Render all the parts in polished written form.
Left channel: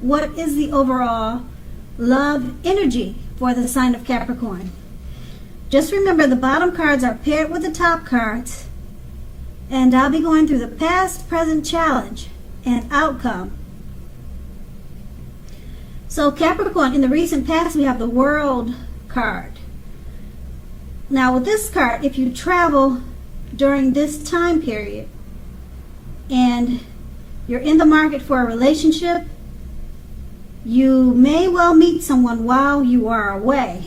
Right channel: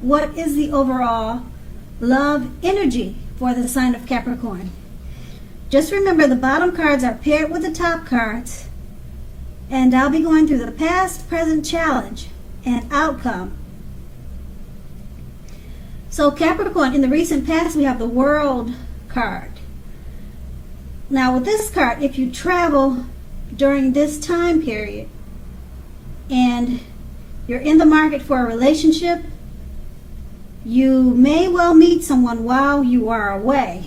what is the overall love energy for the sign of Capricorn. Just remember, the bottom cards are paired with the top cards, and I'll be going through the past, present challenge and outcome. So Capricorn, in the recent past, we have the World card. Now with this card, if you travel during this time period and you're in the market for a relationship, you may well meet someone while you are away.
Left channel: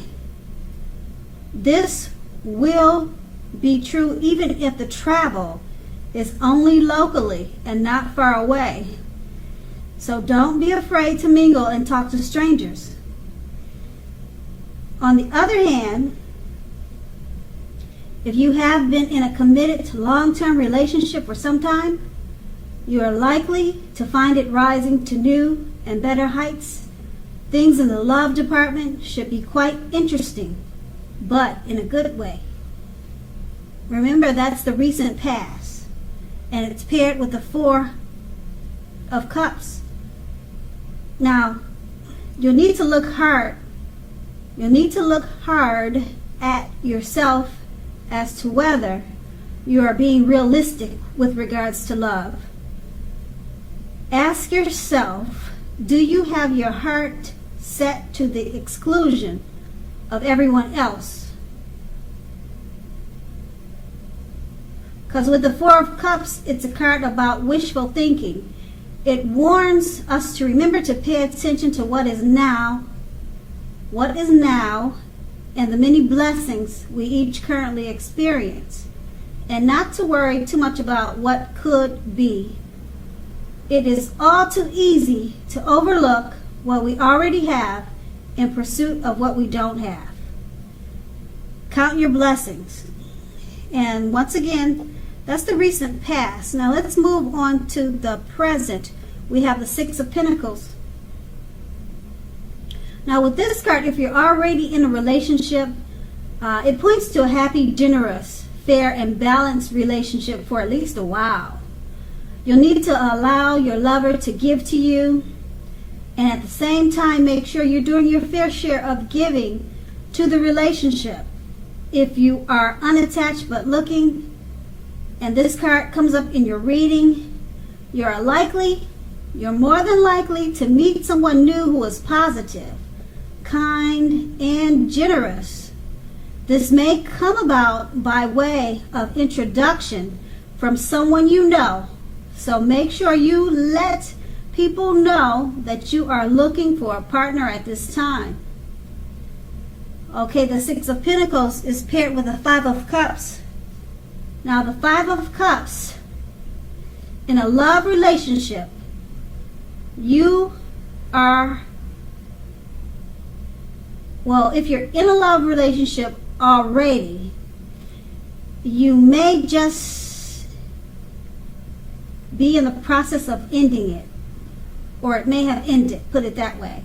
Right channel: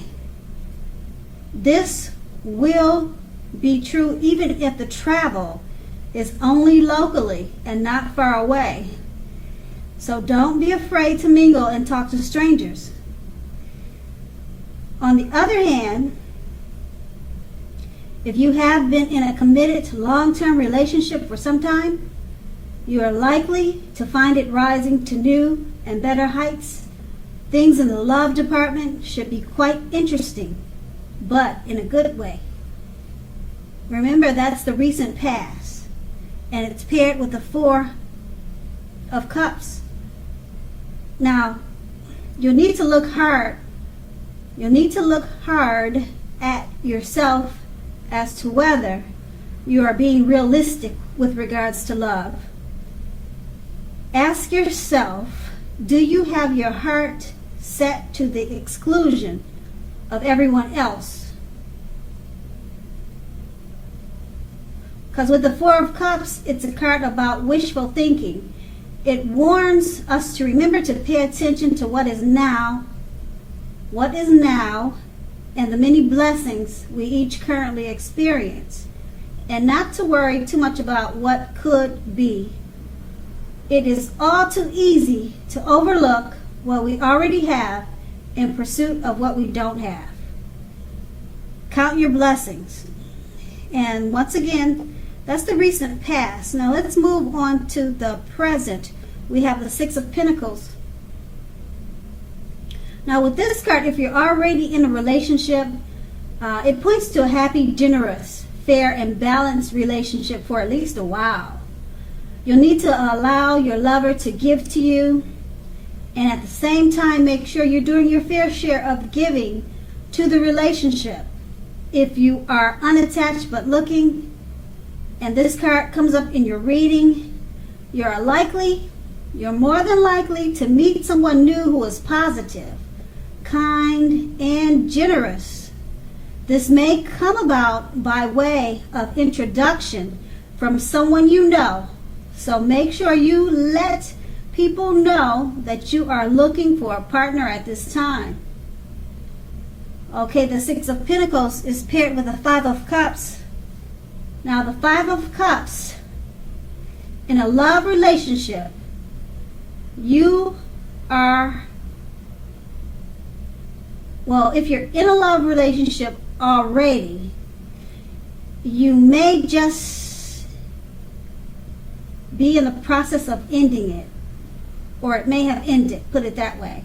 This will be true even if the travel is only locally and not far away. So don't be afraid to mingle and talk to strangers. On the other hand, if you have been in a committed long-term relationship for some time, you are likely to find it rising to new and better heights. Things in the love department should be quite interesting, but in a good way. Remember, that's the recent past, and it's paired with the Four of Cups. Now, you'll need to look hard. You'll need to look hard at yourself as to whether you are being realistic with regards to love. Ask yourself, do you have your heart set to the exclusion of everyone else? Because with the Four of Cups, it's a card about wishful thinking. It warns us to remember to pay attention to what is now, and the many blessings we each currently experience, and not to worry too much about what could be. It is all too easy to overlook what we already have in pursuit of what we don't have. Count your blessings. And once again, that's the recent past. Now let's move on to the present. We have the Six of Pentacles. Now with this card, if you're already in a relationship, it points to a happy, generous, fair, and balanced relationship for at least a while. You'll need to allow your lover to give to you, and at the same time make sure you're doing your fair share of giving to the relationship. If you are unattached but looking, and this card comes up in your reading, you're more than likely to meet someone new who is positive, kind, and generous. This may come about by way of introduction from someone you know. So make sure you let people know that you are looking for a partner at this time. Okay, the Six of Pentacles is paired with the Five of Cups. Now the Five of Cups, in a love relationship, you are, well, if you're in a love relationship already, you may just be in the process of ending it, or it may have ended, put it that way.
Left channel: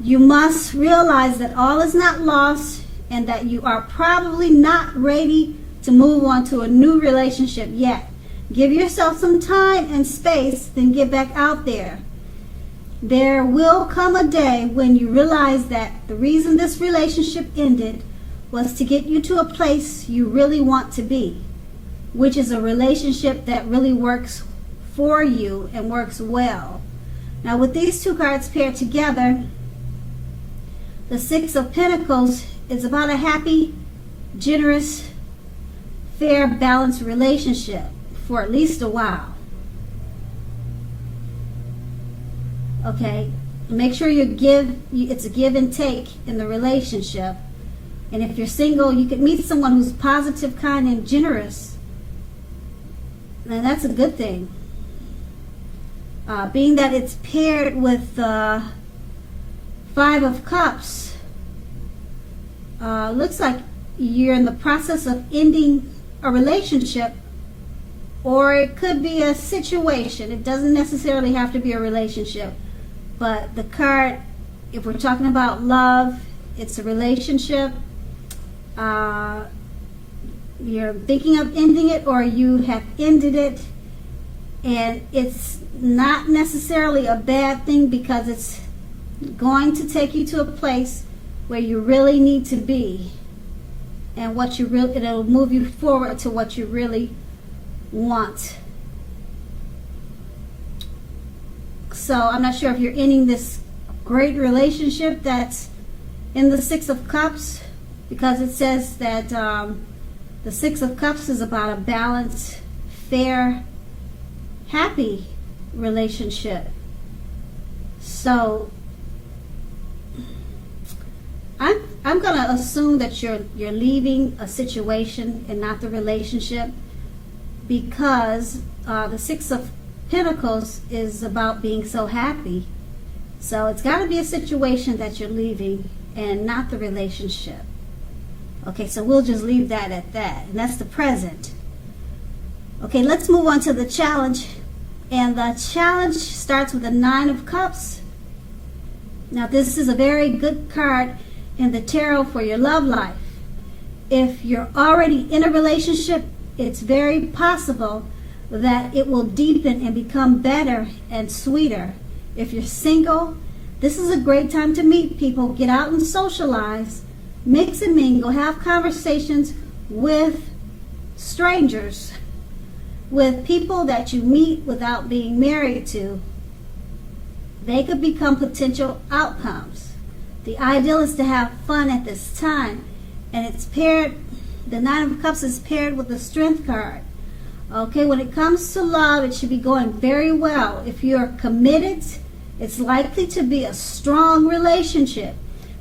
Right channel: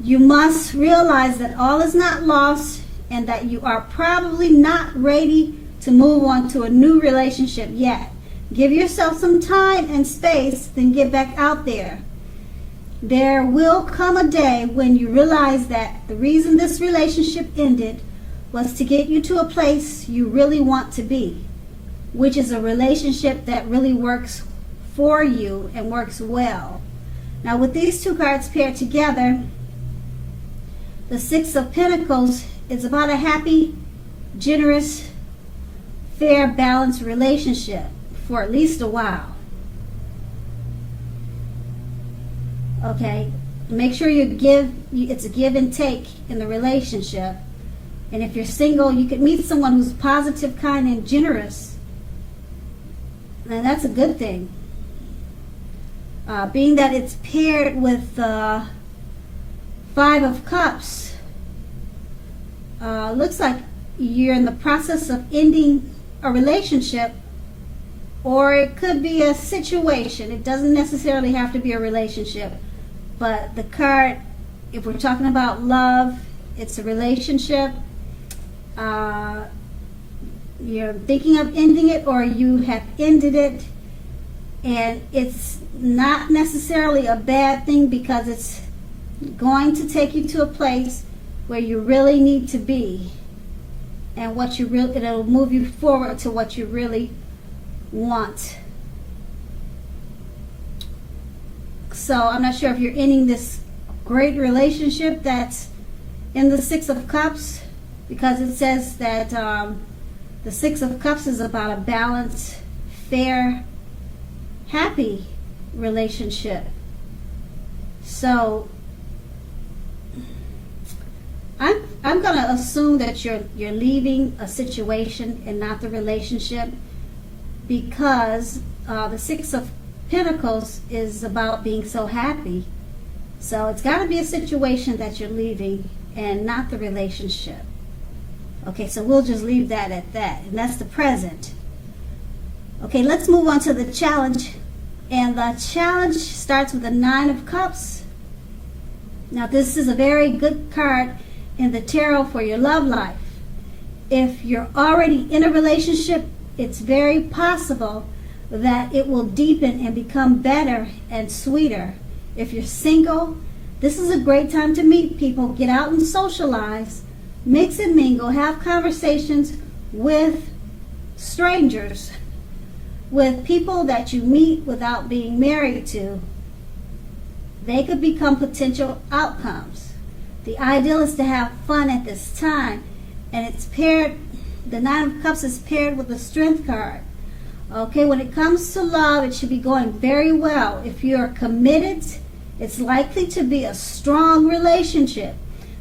You must realize that all is not lost and that you are probably not ready to move on to a new relationship yet. Give yourself some time and space, then get back out there. There will come a day when you realize that the reason this relationship ended was to get you to a place you really want to be, which is a relationship that really works for you and works well. Now with these two cards paired together, the Six of Pentacles is about a happy, generous, fair, balanced relationship for at least a while. Okay, make sure it's a give and take in the relationship. And if you're single, you can meet someone who's positive, kind, and generous. Now that's a good thing. Being that it's paired with the Five of Cups, looks like you're in the process of ending a relationship, or it could be a situation. It doesn't necessarily have to be a relationship, but the card, if we're talking about love, it's a relationship. You're thinking of ending it, or you have ended it, and it's not necessarily a bad thing, because it's going to take you to a place where you really need to be, and it'll move you forward to what you really want. So I'm not sure if you're ending this great relationship that's in the Six of Cups, because it says that the Six of Cups is about a balanced, fair, happy relationship. So I'm going to assume that you're leaving a situation and not the relationship, because the Six of Pentacles is about being so happy. So it's got to be a situation that you're leaving and not the relationship. Okay, so we'll just leave that at that. And that's the present. Okay, let's move on to the challenge. And the challenge starts with the Nine of Cups. Now, this is a very good card in the tarot for your love life. If you're already in a relationship, it's very possible that it will deepen and become better and sweeter. If you're single, this is a great time to meet people, get out and socialize, mix and mingle, have conversations with strangers, with people that you meet without being married to. They could become potential outcomes. The ideal is to have fun at this time, and the Nine of Cups is paired with the Strength card. Okay, when it comes to love, it should be going very well. If you're committed, it's likely to be a strong relationship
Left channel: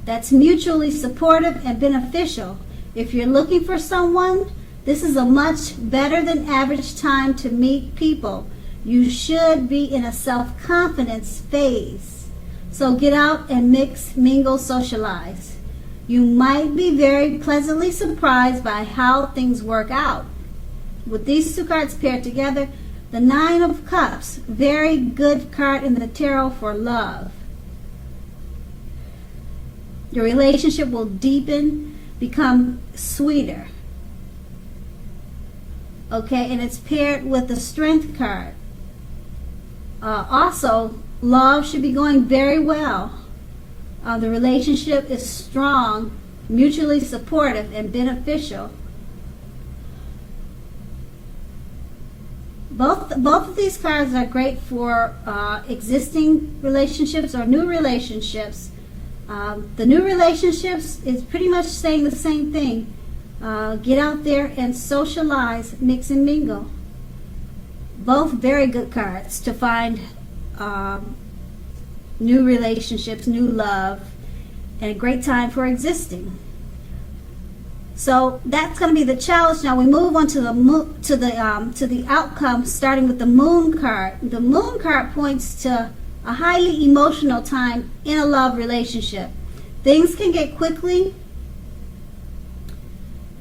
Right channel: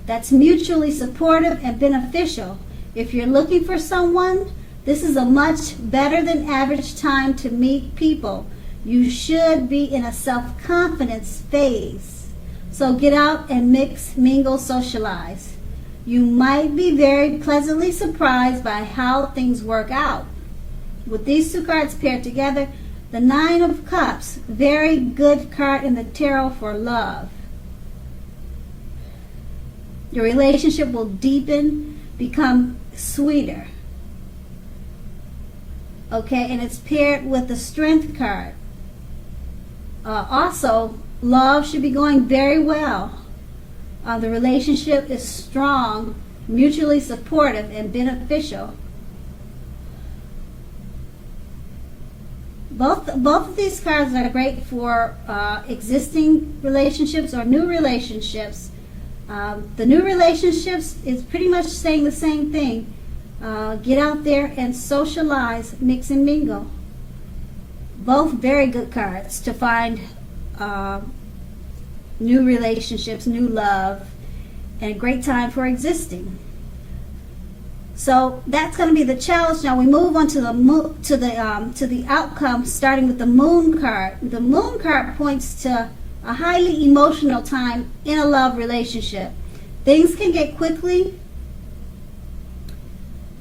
that's mutually supportive and beneficial. If you're looking for someone, this is a much better than average time to meet people. You should be in a self-confidence phase. So get out and mix, mingle, socialize. You might be very pleasantly surprised by how things work out. With these two cards paired together, the Nine of Cups, very good card in the tarot for love. Your relationship will deepen, become sweeter. Okay, and it's paired with the Strength card. Also, love should be going very well. The relationship is strong, mutually supportive, and beneficial. Both of these cards are great for existing relationships or new relationships. The new relationships is pretty much saying the same thing. Get out there and socialize, mix and mingle. Both very good cards to find new relationships, new love, and a great time for existing. So that's going to be the challenge. Now we move on to the outcome, starting with the Moon card. The Moon card points to a highly emotional time in a love relationship. Things can get quickly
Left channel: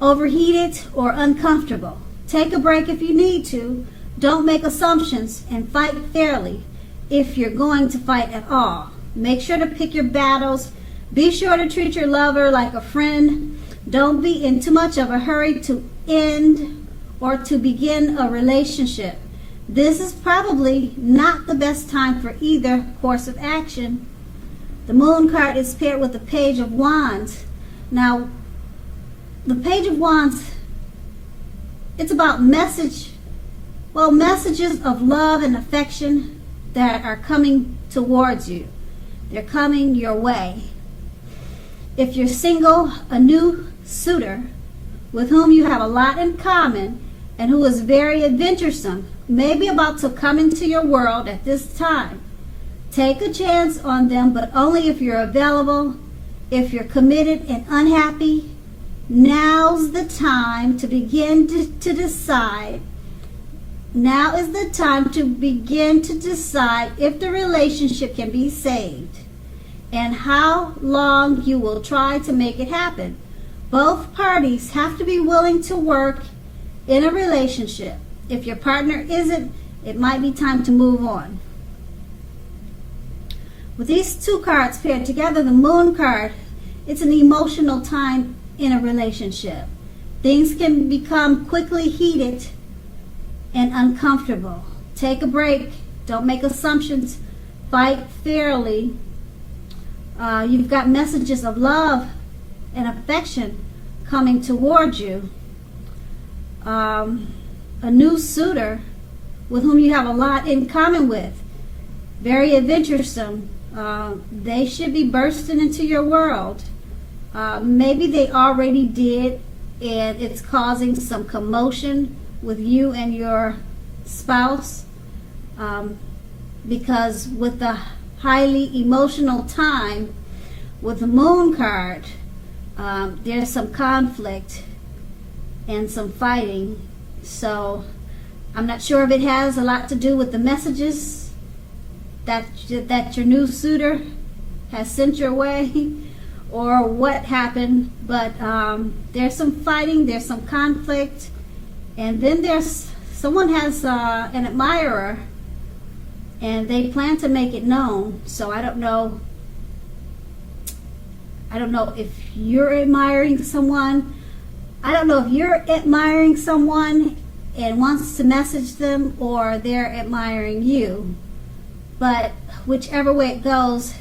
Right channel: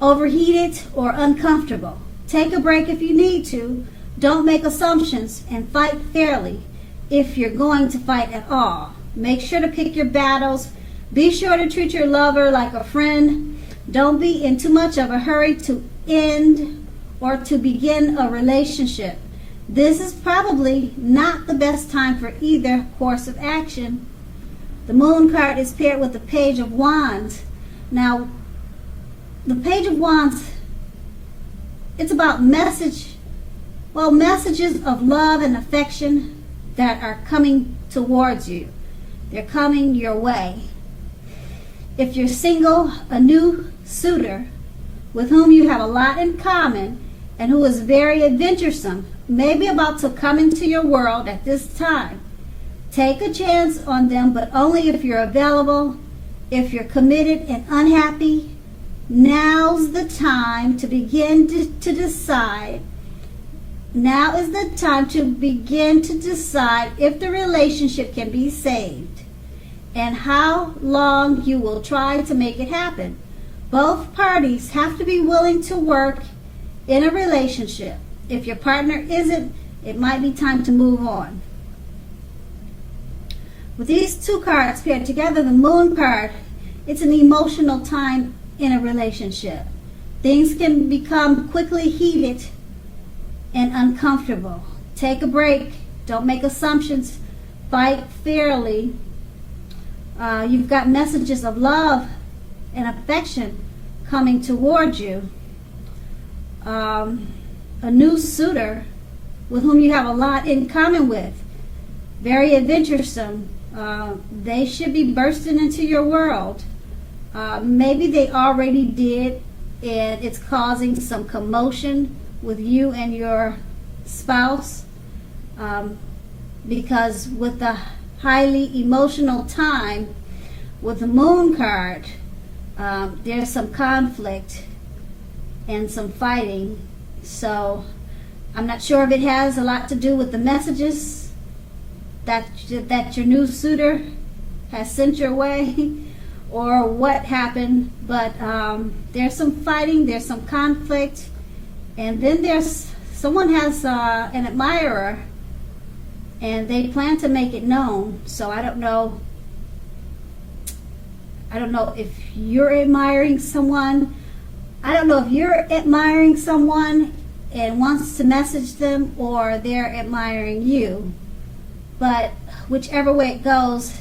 overheated or uncomfortable. Take a break if you need to. Don't make assumptions, and fight fairly if you're going to fight at all. Make sure to pick your battles. Be sure to treat your lover like a friend. Don't be in too much of a hurry to end or to begin a relationship. This is probably not the best time for either course of action. The Moon card is paired with the Page of Wands. Now, the Page of Wands, it's about messages of love and affection that are coming towards you. They're coming your way. If you're single, a new suitor with whom you have a lot in common and who is very adventuresome may be about to come into your world at this time. Take a chance on them, but only if you're available. If you're committed and unhappy, now's the time to begin to decide. Now is the time to begin to decide if the relationship can be saved and how long you will try to make it happen. Both parties have to be willing to work in a relationship. If your partner isn't, it might be time to move on. With these two cards paired together, the Moon card, it's an emotional time in a relationship. Things can become quickly heated and uncomfortable. Take a break Don't make assumptions. Fight fairly. You've got messages of love and affection coming towards you. A new suitor with whom you have a lot in common with. Very adventuresome. They should be bursting into your world. Maybe they already did, and it's causing some commotion with you and your spouse. Because with the highly emotional time, with the moon card, there's some conflict and some fighting. So I'm not sure if it has a lot to do with the messages that your new suitor has sent your way, or what happened, but there's some fighting, there's some conflict, and then someone has an admirer, and they plan to make it known. So I don't know if you're admiring someone. I don't know if you're admiring someone and wants to message them, or they're admiring you. But whichever way it goes,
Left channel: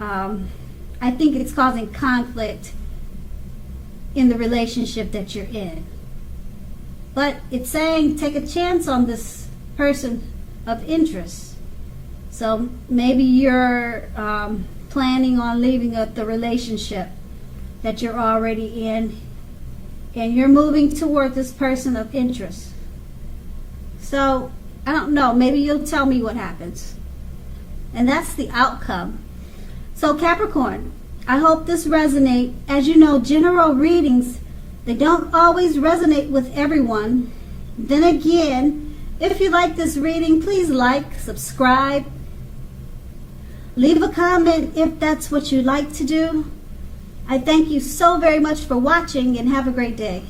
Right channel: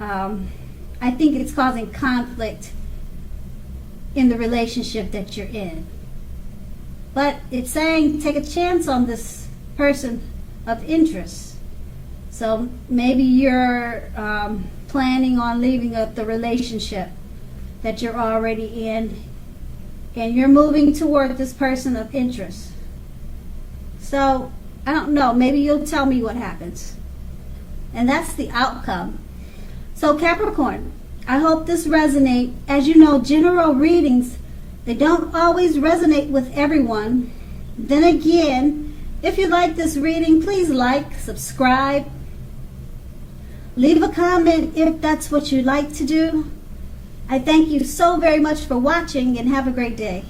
I think it's causing conflict in the relationship that you're in. But it's saying take a chance on this person of interest. So maybe you're planning on leaving the relationship that you're already in, and you're moving toward this person of interest. So I don't know, maybe you'll tell me what happens. And that's the outcome. So Capricorn, I hope this resonates. As you know, general readings, they don't always resonate with everyone. Then again, if you like this reading, please like, subscribe, leave a comment if that's what you like to do. I thank you so very much for watching, and have a great day.